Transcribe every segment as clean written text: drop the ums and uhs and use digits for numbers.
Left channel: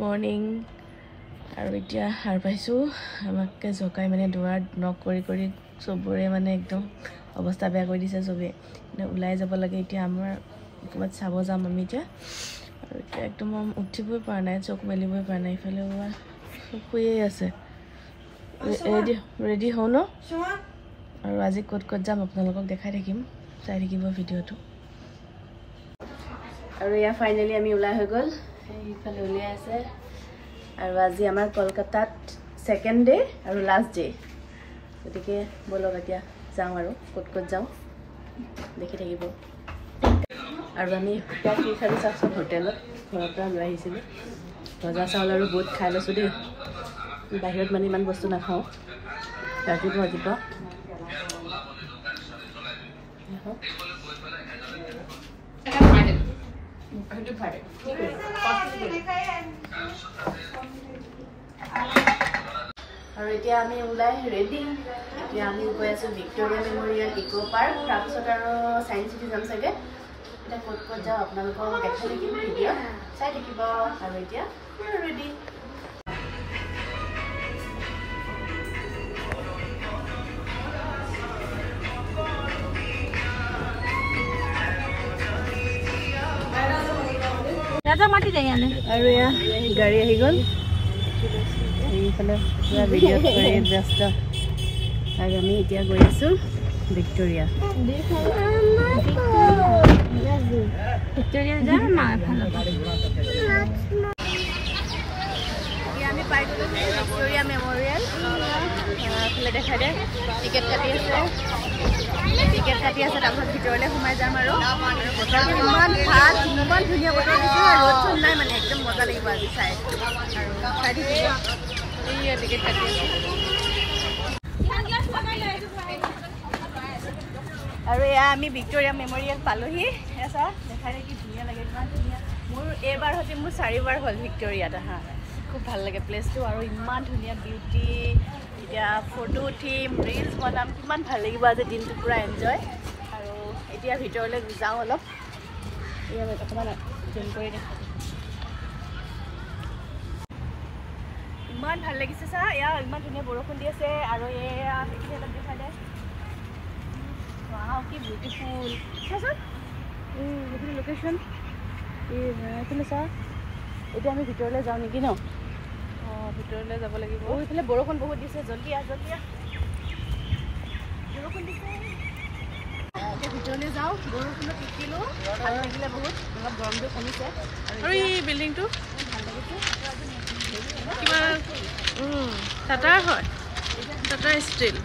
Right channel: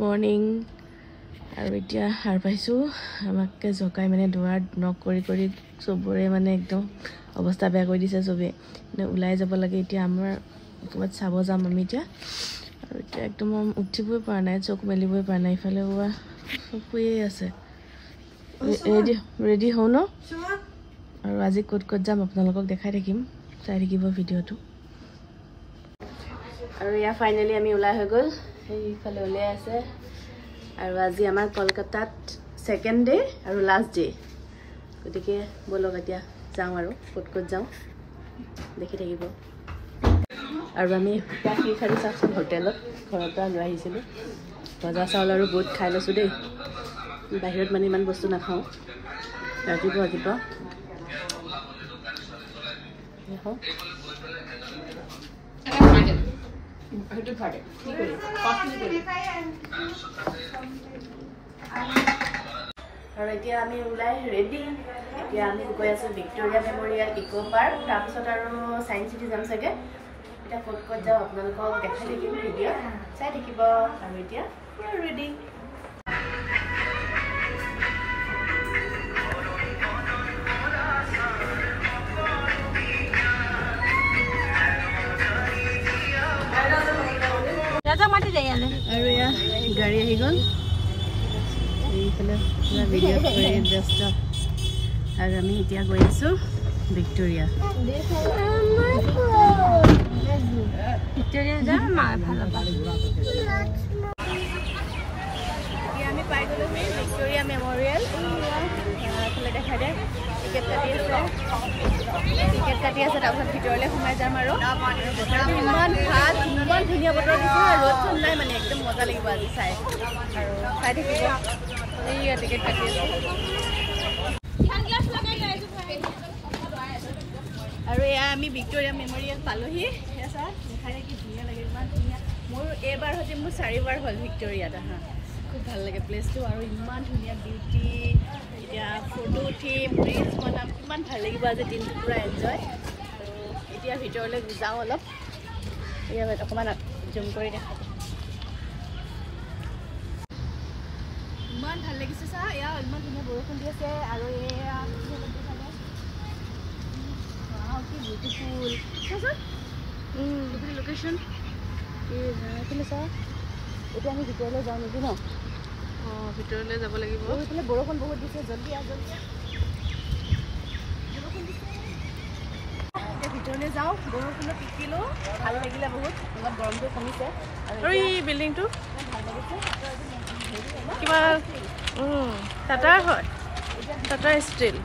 Morning আৰু এতিয়া সাৰ পাইছোঁ আমাকে জকাই মানে দুৱাৰ নক কৰি চবৰে মানে একদম অৱস্থা বেয়া কৰি দিছে চবে মানে ওলাই যাব লাগে এতিয়া আমাৰ ক'ৰবাত চাব যাম আমি এতিয়া আৰু এতিয়া একদম উঠিবই পৰা নাই চকু মেলিবই পৰা নাই ইফালে চব শুয়ে আছে ৰেডি হওঁ ন আৰু আজি ক'ত যাম আপোনালোকক দেখাই থাকিম চাই থাকিব ভিডিঅ'টো আৰু ইয়া ফাইনেলি আমি ওলাই হৈ গ'ল এইফালে উলিয়াই আছে আৰু আজি আমাৰ কলকাতাত সেকেন্ড ডে আৰু লাষ্ট ডে গতিকে বলক এতিয়া যাওঁ আৰু ক'ত যাওঁ দেখি থাকিব আৰু আমি এতিয়া কি খালি চাওকচোন হোটেলত ঘৰৰ পৰা লৈ আহিছিলোঁ ভজা চাউল আৰু বুট খাই লৈছোঁ দেই বাহিৰত মানে ইমান বস্তু নাখাওঁ ৰাতিপুৱা আৰু এতিয়া আমি ওলাই ৰেডি এতিয়া আমি গৈ আছোঁ ভিক্টোৰিয়া মেমৰিয়েল ইকো পাৰ্ক তাৰপিছত আৰু চায়েন্স চিটি যাম চাগে এতিয়া ক'ত যাওঁ আপোনালোকক দেখাই থাকিম ভিডিঅ' চাই থাকিব আৰু এতিয়া ৰেডি আৰু এয়া গাড়ী আহি গ'ল এইফালে পুৰা ভিডিঅ'ত কৰি ব্যস্ত আৰু আমি এতিয়া গৈ আছোঁ ভিক্টোৰিয়া এতিয়া আমি পাই গ'লোহি ভিক্টোৰিয়া মেমৰিয়েল এইফালে দেখাই দে টিকেট কাটি আছে তাৰপিছত ভিতৰলৈ সোমাই যাম আৰু বতৰটো ইমান ভাল ইমান ধুনীয়া বতৰ দিছে ৰ'দ চ'দ নাই মানে একদম মজা লাগিব আজি চাই আৰু চাই থাকিব এইয়া টিকেট কাটি আছে আৰু এয়া আমি ভিক্টোৰিয়া মেমৰিয়েল পালোহি এয়া চা দেখালে কি ধুনীয়া লাগে ইমান ধুনীয়া মোৰ এইবাৰ সৈতে মোৰ 4বাৰ হ'ল ভিক্টোৰিয়াত আহা খুব ভাল লাগে প্লেচটো আৰু ইমান ধুনীয়া বিউটি এতিয়া ফটো উঠিম ৰিলছ বনাম কিমান ভাল লাগিব আজি দিনটো পুৰা এনজয় আৰু এতিয়া ভিতৰলৈ যাওঁ অলপ এয়া অকণমান জুম কৰি দেখা ইমান ভাল লাগিছে চা এয়া ইমান ধুনীয়া বৰষুণ দি আছে আৰু এয়া দেখা দে কি বিউটিফুল লোকেশ্যন এইখিনি চা এতিয়া আমি ভিতৰলৈ যাওঁ নেকি ন অঁ ভিতৰলৈ যাব লাগিব এইফালে বৰষুণ বহুত দিছে জলদি বৰষুণ দিছে এতিয়া ভিতৰলৈ যাওঁ বৰষুণত তিতিলোঁ ভাল লাগিলে বহুত অলপ গৰমটো কমিছে আৰু এই বিল্ডিংটো ভাল লাগিছে কিবা টাটাৰ হয় টাটাৰ ষ্টিল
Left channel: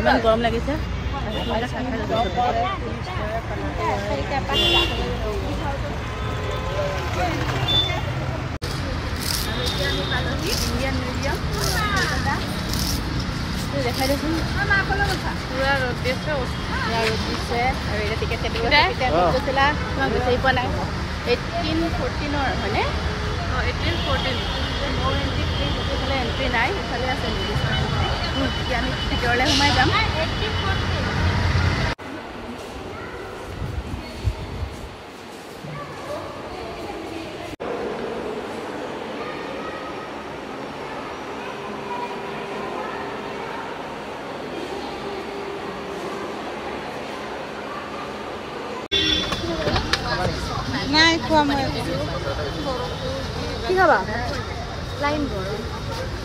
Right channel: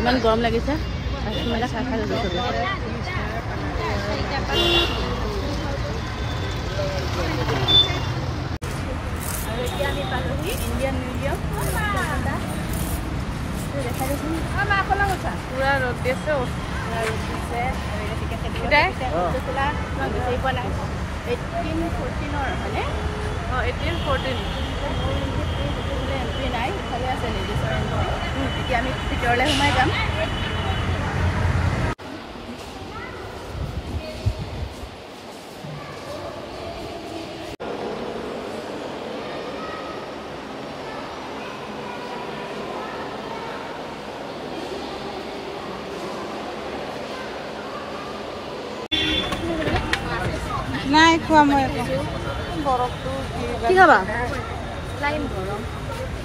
ইমান গৰম লাগিছে আমি পালোহি ইণ্ডিয়ান মিউজিয়াম কলকাতা দেখাই দেখোন পুৰা ৰ'দ দিছে টিকেট গৈছিলা বিচাৰি পোৱা নাই 18-14 হয়নে অঁ 18-14 মোৰ এণ্ট্ৰি প্লিজ ইফালে এণ্ট্ৰি নাই ইফালে আছে লেডিছৰ এণ্ট্ৰি এতিয়া আমি ভিতৰলৈ সোমাই যাম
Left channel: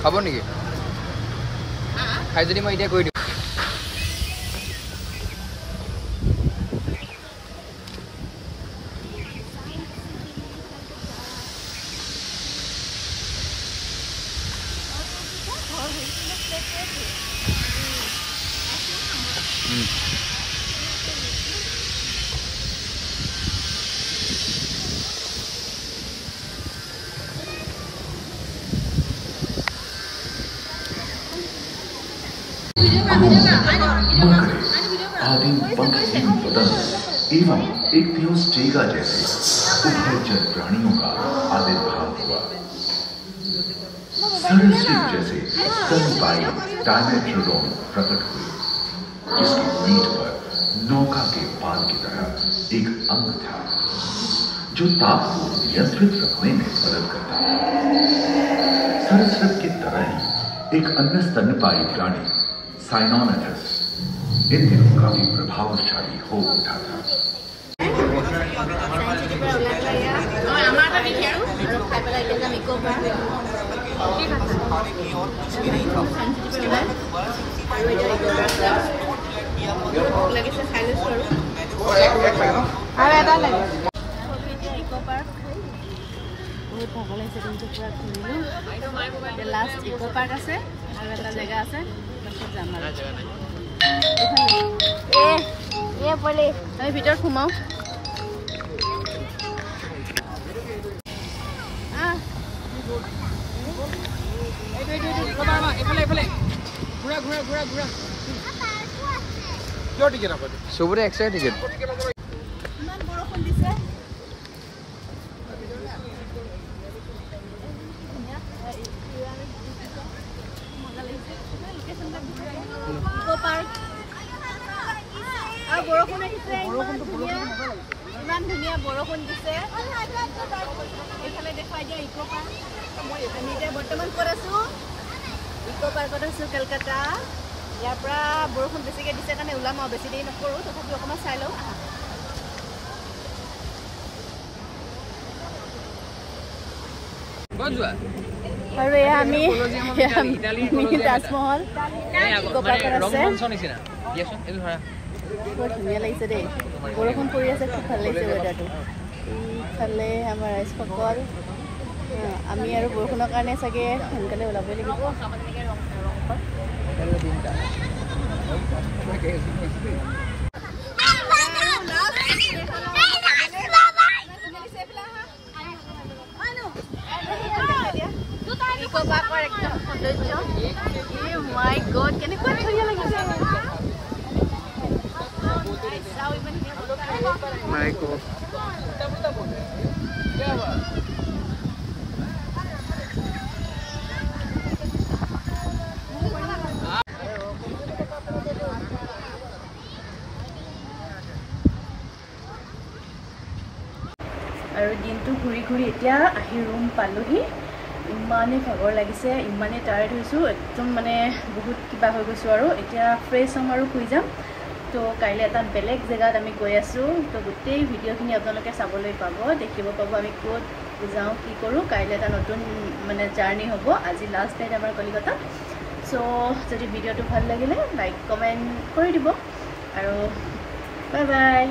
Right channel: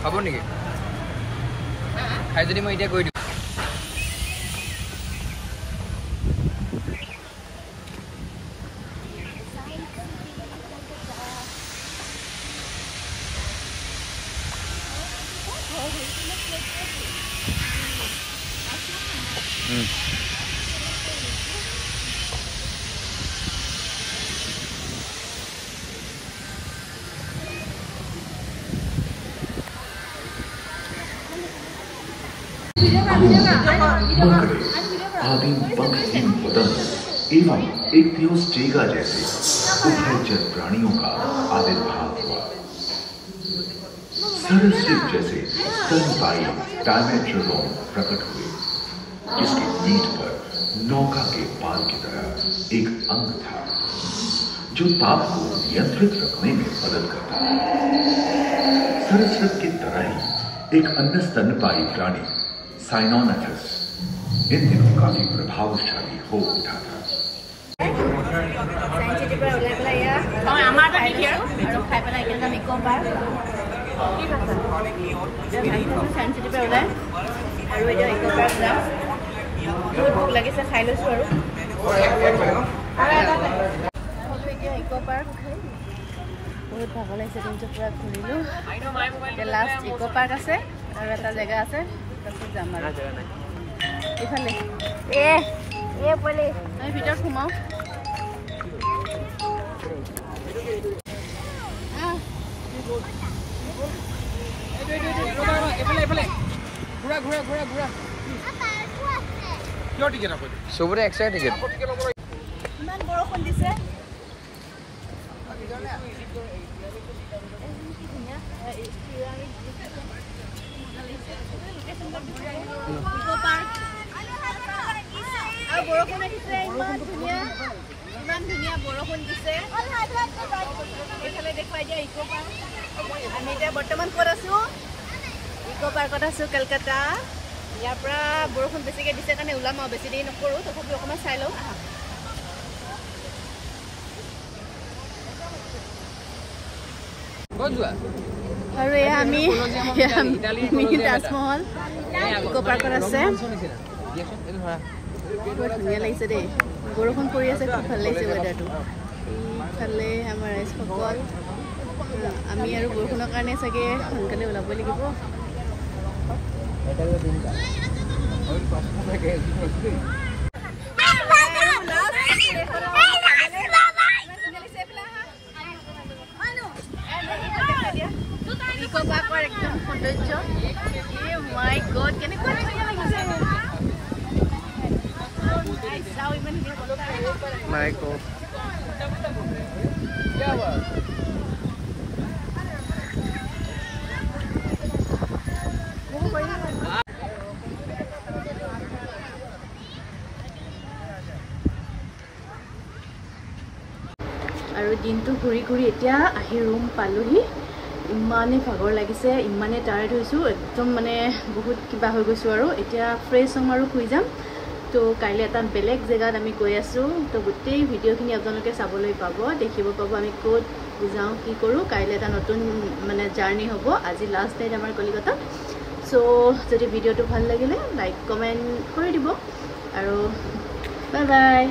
খাব নেকি খাই যদি মই এতিয়া কৈ দিম भ्रूण, मकड़े, आदिम पंखहीन पतंग एवं इक्तियोस्टेगा जैसे उभयचर प्राणियों का आविर्भाव हुआ। सरसरीप जैसे स्तनपायी डायमेट्रोडोन प्रकट हुए, जिसकी पीठ पर नौका के पाल की तरह एक अंग था जो ताप को नियंत्रित रखने में मदद करता था। सरसरीप की तरह ही एक अन्य स्तनपायी प्राणी साइनोनाथस इन दिनों काफी प्रभावशाली हो उठा था। बहुत भाग लगे दिन पूरा घूरिलो लास्ट इको पार्क আছে और এটা জায়গা আছে তারপর যাম আর এখানে এ বলে আমি ভিতর ঘুমাও সবরে এক্সট্রা টিকেট ইমান বৰষুণ দিছে ইমান ধুনীয়া বৰষুণ দিছে এইফালে দেখুৱাই দিয়া ইকো পাৰ্ক আমি এতিয়া বৰ্তমান ক'ত আছো ইকো পাৰ্কত আছো কলকাতা ইয়াৰ পৰা বৰষুণ বেছিকৈ দিছে কাৰণে ওলাম আৰু বেছি দেৰি নকৰোঁ তথাপি অকণমান চাই লওঁ আহা আৰু এয়া আমি মিনি তাজমহল ইকো পাৰ্কত আছে বৰ ধুনীয়া লাগিছে দেই বৰষুণ পৰি আছে খুব ভাল লাগিছে ৱেডাৰটো ইফালে আমাৰ ৰাইজসকল আমি আৰু বৰষুণৰ কাৰণে চাগে সোনকালে ওলাবই লাগিব My God, can you go to your legs? My God. আৰু দিনটো ঘূৰি ঘূৰি এতিয়া আহি ৰুম পালোহি ইমানে ভাগৰ লাগিছে ইমানে টায়াৰ্ড হৈছো একদম মানে বহুত কিবা হৈ গৈছো আৰু এতিয়া ফ্ৰেছ হ'ম আৰু শুই যাম তো কাইলৈ এটা বেলেগ জেগাত আমি গৈ আছো তো গোটেই ভিডিঅ'খিনি আপোনালোকে চাবলৈ পাব দেখিব পাব আমি ক'ত যাওঁ কি কৰোঁ কাইলৈ এটা নতুন মানে জাৰ্নি হ'ব আজি লাষ্ট নাইট আমাৰ কলিকতা সো যদি ভিডিঅ'টো ভাল লাগিলে লাইক কমেণ্ট কৰি দিব আৰু বাই বাই